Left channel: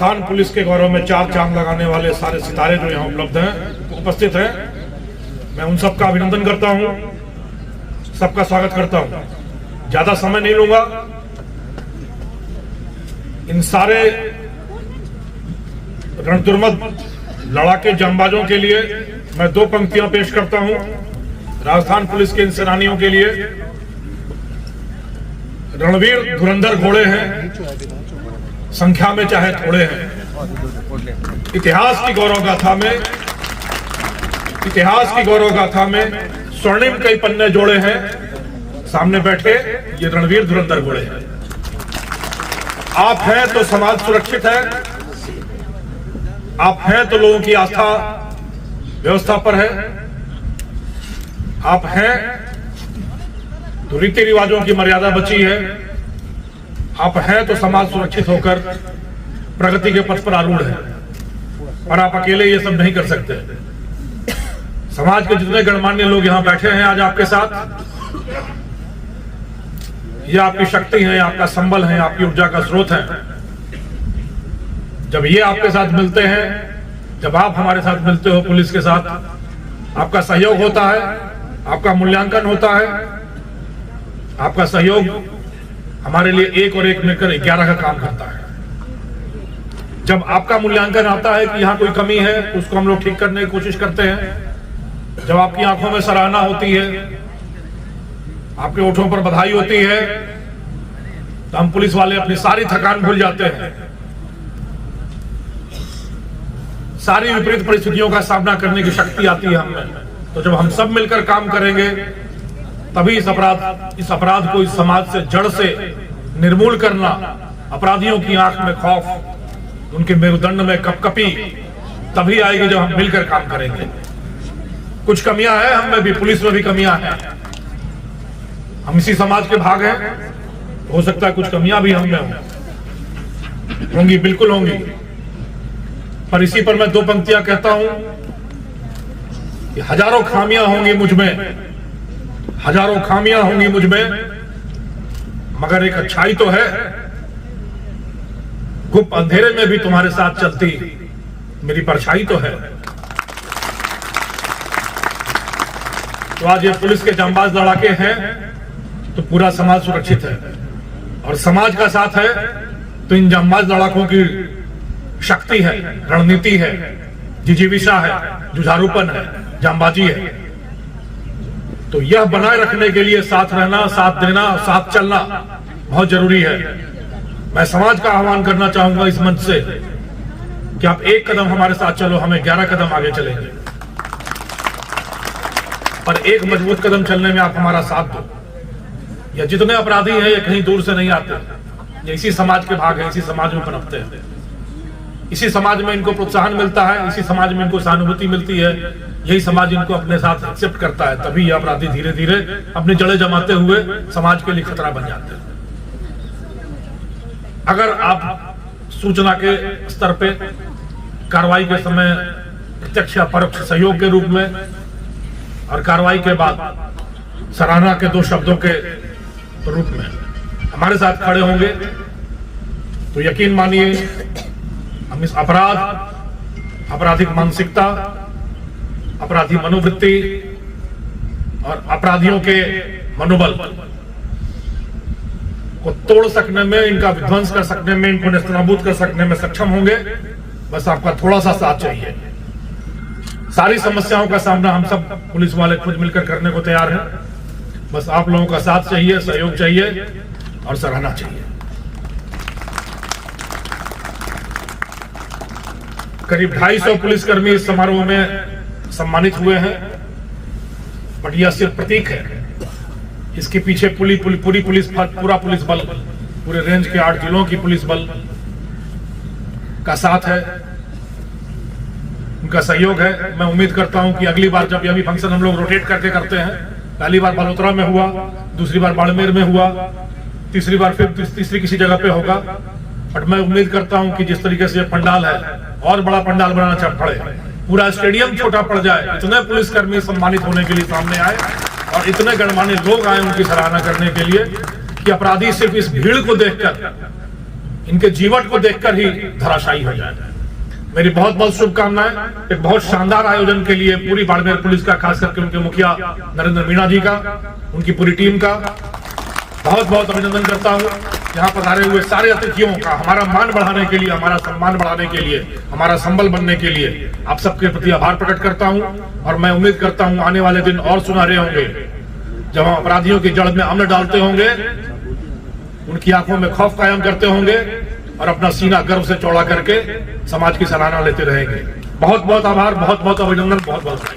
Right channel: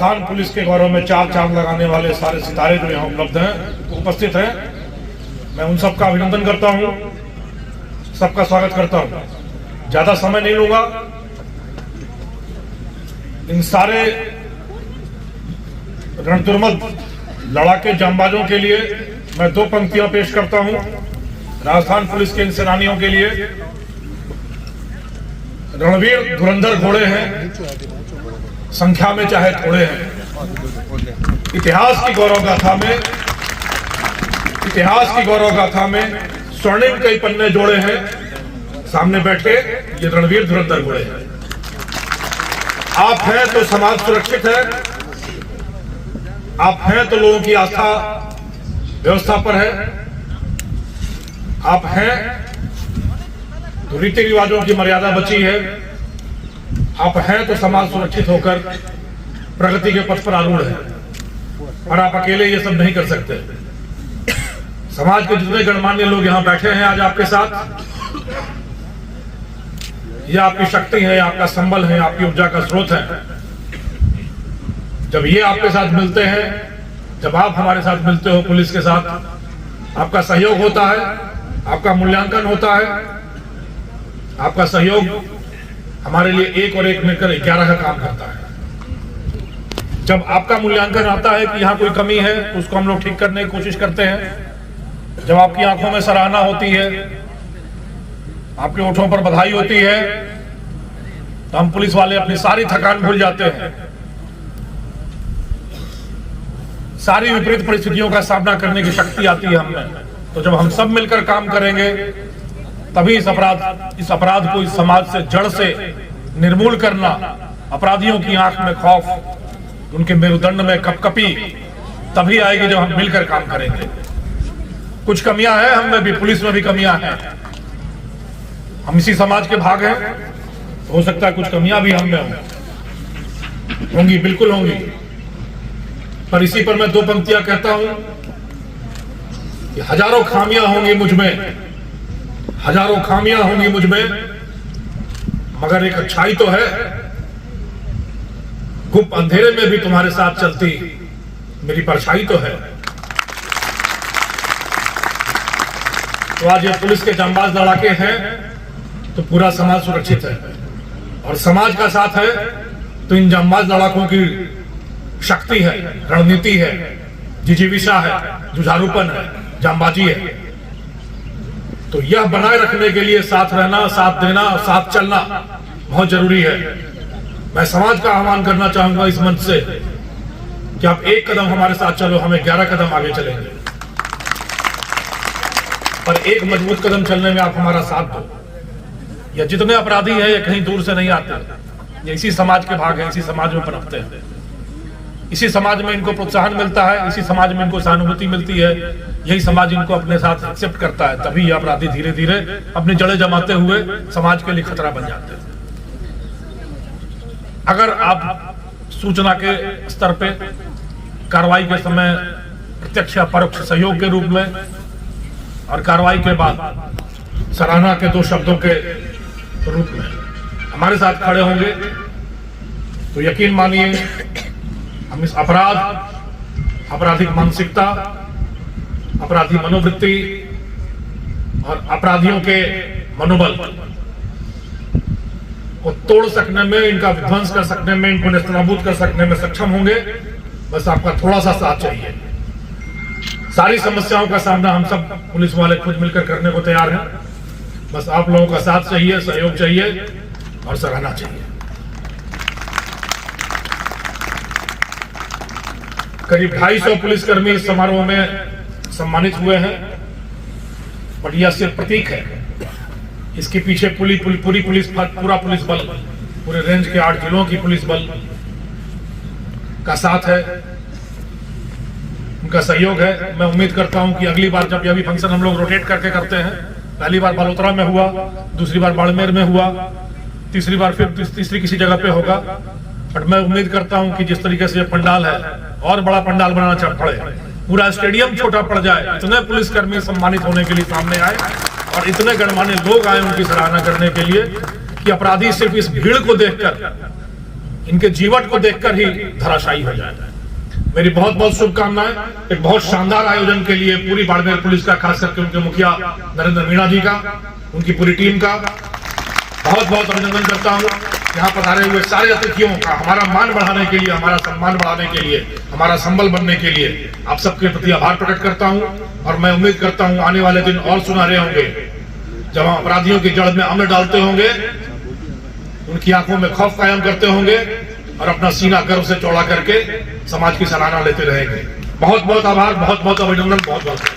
Rajasthan police के गौरव में चार चांद लगाने वाले सारे सितारे जो यहाँ उपलब्ध हैं, उपस्थित हैं, मैं उन सबका अभिनंदन करता हूँ, सबका स्वागत करता हूँ। ज्यादा समय नहीं लूंगा। इन सारे रणतुर्मद लड़ाके जांबाजों के लिए मैं दो पंक्तियां पेश करता हूं। राजस्थान पुलिस के इन सेनानियों के लिए रणवीर धुरंधर घोड़े हैं, संख्या में चाहे थोड़े हैं। इतिहास की गौरव गाथा में स्वर्णिम कई पन्ने जोड़े हैं। सामने बैठे ये रणवीर धुरंधर घोड़े हैं। आप हैं तो समाज सुरक्षित है, आप हैं तो लोगों की आस्था व्यवस्था पर है, आप हैं तो रीति रिवाजों की मर्यादा बची है, आप हैं तो समाज सुरक्षित होकर प्रगति के पथ पर आरूढ़ है। और आप अकेले ये सब नहीं कर सकते। समाज के जितने गणमान्य लोग यहां बैठे हैं आज आपके साथ, ये आपकी शक्ति है, आपका संबल है, आपकी ऊर्जा का स्रोत है। जब ये आपके साथ मिलते हैं, जब आप हमारे साथ मिलते हो पुलिस के साथ, आपका सहयोग होता है, आपका मूल्यांकन होता है। आपका सहयोग हमारे लिए एक और एक मिलकर 11 का काम करता है। जब आपका मूल्यांकन आता है कि यहां कोई कमी है तो उसको हम लोग ठीक करने की कोशिश करते हैं। जब आपकी आंखों में सराहना होती है, आपके ओठों पर बधाई होती है, तो हम पुलिस वाले अपनी सारी थकान भूल जाते हैं। सारी विपरीत परिस्थितियों का सामना करने की शक्ति आती है हमें। तो जब हम सब मिलकर काम करेंगे तभी इस अपराध को इस समाज से जड़ से निर्मूल करना, अपराधियों की आंख में खौफ, उनके मेरुदंड में कपकपी तभी आएगी जब हम मिलकर काम करेंगे। कुछ कमियां हैं हम में भी, पुलिस में भी कमियां हैं। हम इसी समाज के भाग हैं, हो सकता है कुछ कमियां भी हम में होंगी, बिल्कुल होंगी। पर इसी पर मैं दो पंक्तियां कहता हूं कि हजारों खामियां होंगी मुझ में, हजारों खामियां होंगी मुझ में, मगर एक अच्छाई तो है। गुप्त अंधेरे में भी तुम्हारे साथ चलती मेरी परछाई तो है। तो आज ये पुलिस के जांबाज लड़ाके हैं तो पूरा समाज सुरक्षित है, और समाज का साथ है तो इन जांबाज लड़ाकों की शक्ति है, रणनीति है, जिजीविषा है, जुझारूपन है, जांबाजी है। तो यह बनाए रखने के लिए साथ रहना, साथ देना, साथ चलना बहुत जरूरी है। मैं समाज का आह्वान करना चाहूंगा इस मंच से कि आप एक कदम हमारे साथ चलो, हमें 11 कदम आगे चलेंगे। पर एक मजबूत कदम चलने में आप हमारा साथ दो। या जितने अपराधी हैं ये कहीं दूर से नहीं आते, ये इसी समाज के भाग हैं, इसी समाज में पनपते हैं, इसी समाज में इनको प्रोत्साहन मिलता है, इसी समाज में इनको सहानुभूति मिलती है, यही समाज इनको अपने साथ एक्सेप्ट करता है। तभी ये अपराधी धीरे धीरे अपनी जड़ें जमाते हुए समाज के लिए खतरा बन जाते हैं। अगर आप सूचना के स्तर पे कार्रवाई के समय प्रत्यक्ष या परोक्ष सहयोग के रूप में और कार्रवाई के बाद सराहना के दो शब्दों के रूप में हमारे साथ खड़े होंगे तो यकीन मानिए हम इस आपराधिक मानसिकता, अपराधी मनोवृत्ति और अपराधियों के मनोबल को तोड़ सकने में, इनका विध्वंस कर सकने में, इनको नेस्तनाबूद कर सकने में सक्षम होंगे। बस आपका थोड़ा सा साथ चाहिए। सारी समस्याओं का सामना हम सब पुलिस वाले खुद मिलकर करने को तैयार हैं। बस आप लोगों का साथ चाहिए, सहयोग चाहिए और सराहना चाहिए। करीब 250 पुलिसकर्मी इस समारोह में सम्मानित हुए हैं, बट यह सिर्फ प्रतीक है। इसके पीछे पूरा पुलिस बल, पूरे रेंज के 8 जिलों की पुलिस बल का साथ है, उनका सहयोग है। मैं उम्मीद करता हूं कि अगली बार जब यह भी फंक्शन हम लोग रोटेट करके करते हैं, पहली बार बलोतरा में हुआ, दूसरी बार बाड़मेर में हुआ, तीसरी बार फिर तीसरी किसी जगह पे होगा, बट मैं उम्मीद करता हूं कि जिस तरीके से पंडाल है और बड़ा पंडाल बनाना चढ़ पड़े, पूरा स्टेडियम छोटा पड़ जाए, इतने पुलिसकर्मी सम्मानित होने के लिए सामने आए और इतने गणमान्य लोग आए उनकी सराहना करने के लिए कि अपराधी सिर्फ इस भीड़ को देखकर इनके जीवन को देखकर ही धराशायी हो जाए। मेरी बहुत बहुत शुभकामनाएं एक बहुत शानदार आयोजन के लिए पूरी बाड़मेर पुलिस का, खास करके उनके मुखिया नरेंद्र मीणा जी का, उनकी पूरी टीम का बहुत बहुत अभिनंदन करता हूं। यहाँ पर आए हुए सारे अतिथियों का हमारा मान बढ़ाने के लिए, हमारा सम्मान बढ़ाने के लिए, हमारा संबल बनने के लिए आप सबके प्रति आभार प्रकट करता हूं। और मैं उम्मीद करता हूं आने वाले दिन और सुनहरे होंगे, जब हम अपराधियों की जड़ में अम्ल डालते होंगे, उनकी आंखों में खौफ कायम करते होंगे और अपना सीना गर्व से चौड़ा करके समाज की सराहना लेते रहेंगे। बहुत बहुत आभार, बहुत बहुत अभिनंदन, बहुत बहुत